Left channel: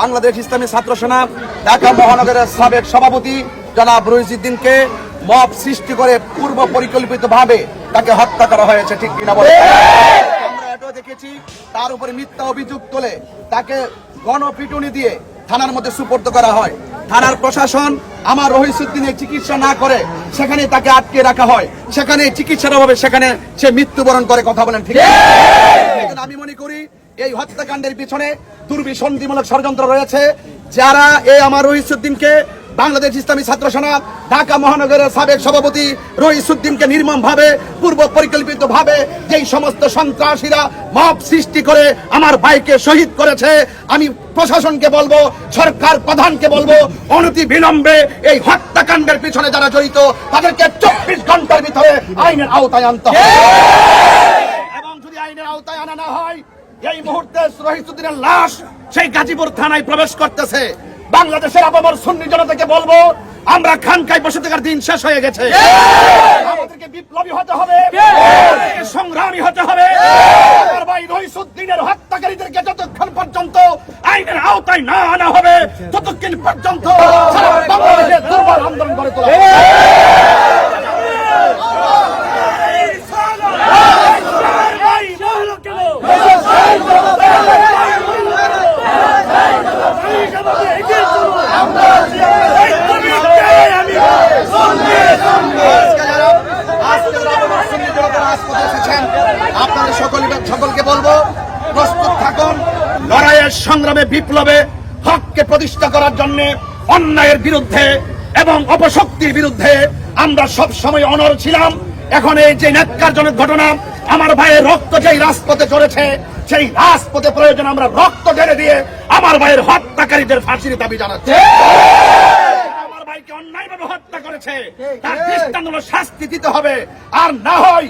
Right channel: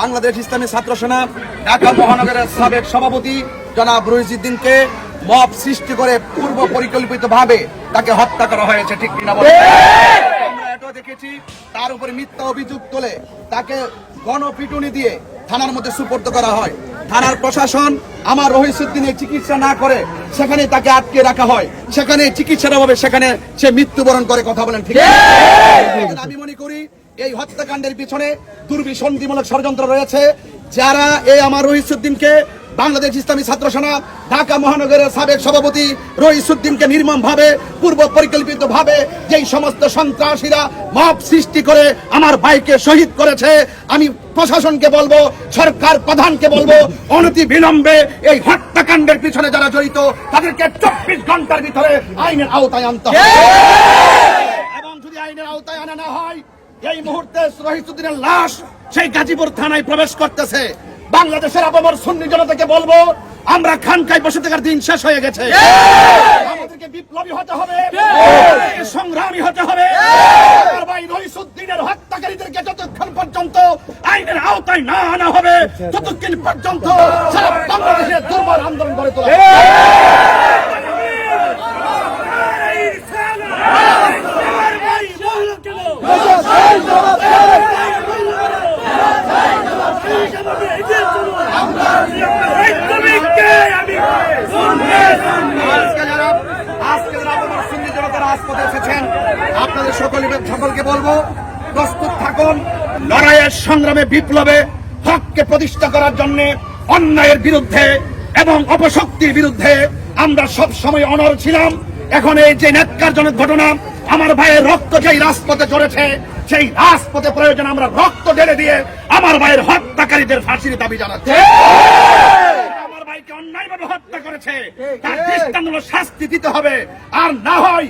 বাংলাদেশ ইসলামী ছাত্র সেনা ঢাকা মহানগরের সাবেক সভাপতি জনাব রহিসউদ্দিনকে মব সৃষ্টি করে পূর্ব পরিকল্পিতভাবে তাকে হত্যা করা হয়েছে, ঠিক কিনা বলে? আমরা এটাও দেখেছি, তার উপরে মিথ্যা অভিযোগ তোলে তাকে গণপিটুনি দিয়ে থানার মধ্যে সুপর্দ করা হয়। থানার প্রশাসন আমার রহিসউদ্দিনের চিকিৎসা না করে সেখানে তাকে আটকে রাখা হয়, সেখানে চিকিৎসার অভাবে সেখানে সে মৃত্যুবরণ করে। কথা বলেন ঠিক? আমি মনে করি এই হত্যাকাণ্ডের পিছনে দুর্বিসন্ধিমূলক ষড়যন্ত্র রয়েছে। যারা এই আমার রহিসউদ্দিনকে, বাংলাদেশ ইসলামী ছাত্র সেনা ঢাকা মহানগরের সাবেক সভাপতি রহিসউদ্দিনকে নির্মমভাবে পূর্ব পরিকল্পিতভাবে যেই সমস্ত সন্ত্রাসীরা মব সৃষ্টি করে আমার ভাইকে শহীদ করেছে, আমি প্রশাসনকে বলবো, সরকার প্রধানকে বলবো, অনতি বিলম্বে এই হত্যাকাণ্ডের পিছনে যারা জড়িত তাদেরকে 24 ঘন্টার ভিতরে আইনের আওতায় আনতে হবে। এবং যদি আইনের আওতায় আনা না হয়, এই মুহূর্তে রহিসউদ্দিনের লাশ সেই গাজীপুর থানায় প্রবেশ করতেছে। বাংলাদেশের আপামর সুন্নি জনতাকে বলবো, আমরা খানকায় বসে থাকার দিন শেষ হয়ে গেছে। আমাদেরকে বিপ্লবী হতে হবে, সংগ্রামী হতে হবে। আমার ভাই রহিসউদ্দিনের হত্যাকারীদেরকে যতক্ষণ পর্যন্ত আইনের আওতায় না আনা হবে, ততক্ষণ পর্যন্ত সারা বাংলাদেশে দুর্বার আন্দোলন গড়ে তোলা হবে। আপনাদের সকলকে বলবো, প্রস্তুত থাকুন লড়াইয়ের সংগ্রামে, বিপ্লবে হককে প্রতিষ্ঠা করার জন্য, অন্যায়ের বিরুদ্ধে এবং অপশক্তির বিরুদ্ধে আমরা সব সময় অনড় ছিলাম। এখন এই যে ন্যাক্কারজনক ঘটনা, আমার ভাইয়ের রক্ত যেই রাজপথে চড়েছে, সেই রাজপথে প্রয়োজন আমরা রক্ত ঢেলে দিয়ে আমার ভাইয়ের হত্যাকারীদের ফাঁসির দাবি জানাচ্ছি। আমার ভাইকে অন্যায়ভাবে হত্যা করেছে, তার দৃষ্টান্তমূলক শাস্তি দিতে হবে। আর না হয়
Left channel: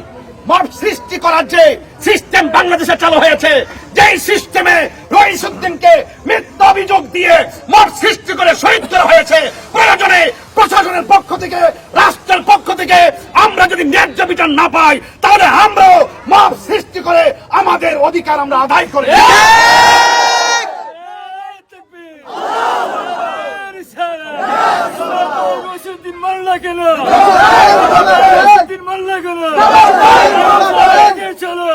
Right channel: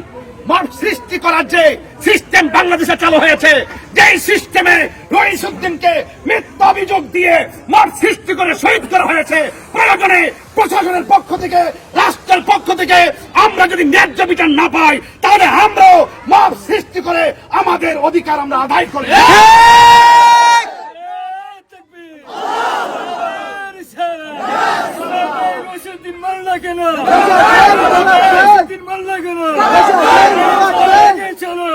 মব সৃষ্টি করার যে সিস্টেম বাংলাদেশে চালু হয়েছে, যেই সিস্টেমে রহিসউদ্দিনকে মিথ্যা অভিযোগ দিয়ে মব সৃষ্টি করে শহীদ করা হয়েছে, প্রয়োজনে প্রশাসনের পক্ষ থেকে, রাষ্ট্রের পক্ষ থেকে আমরা যদি ন্যায্য বিচার না পাই, তাহলে আমরাও মব সৃষ্টি করে আমাদের অধিকার আমরা আদায় করি। মাল্লা কেন মাল্লা কেন চলো।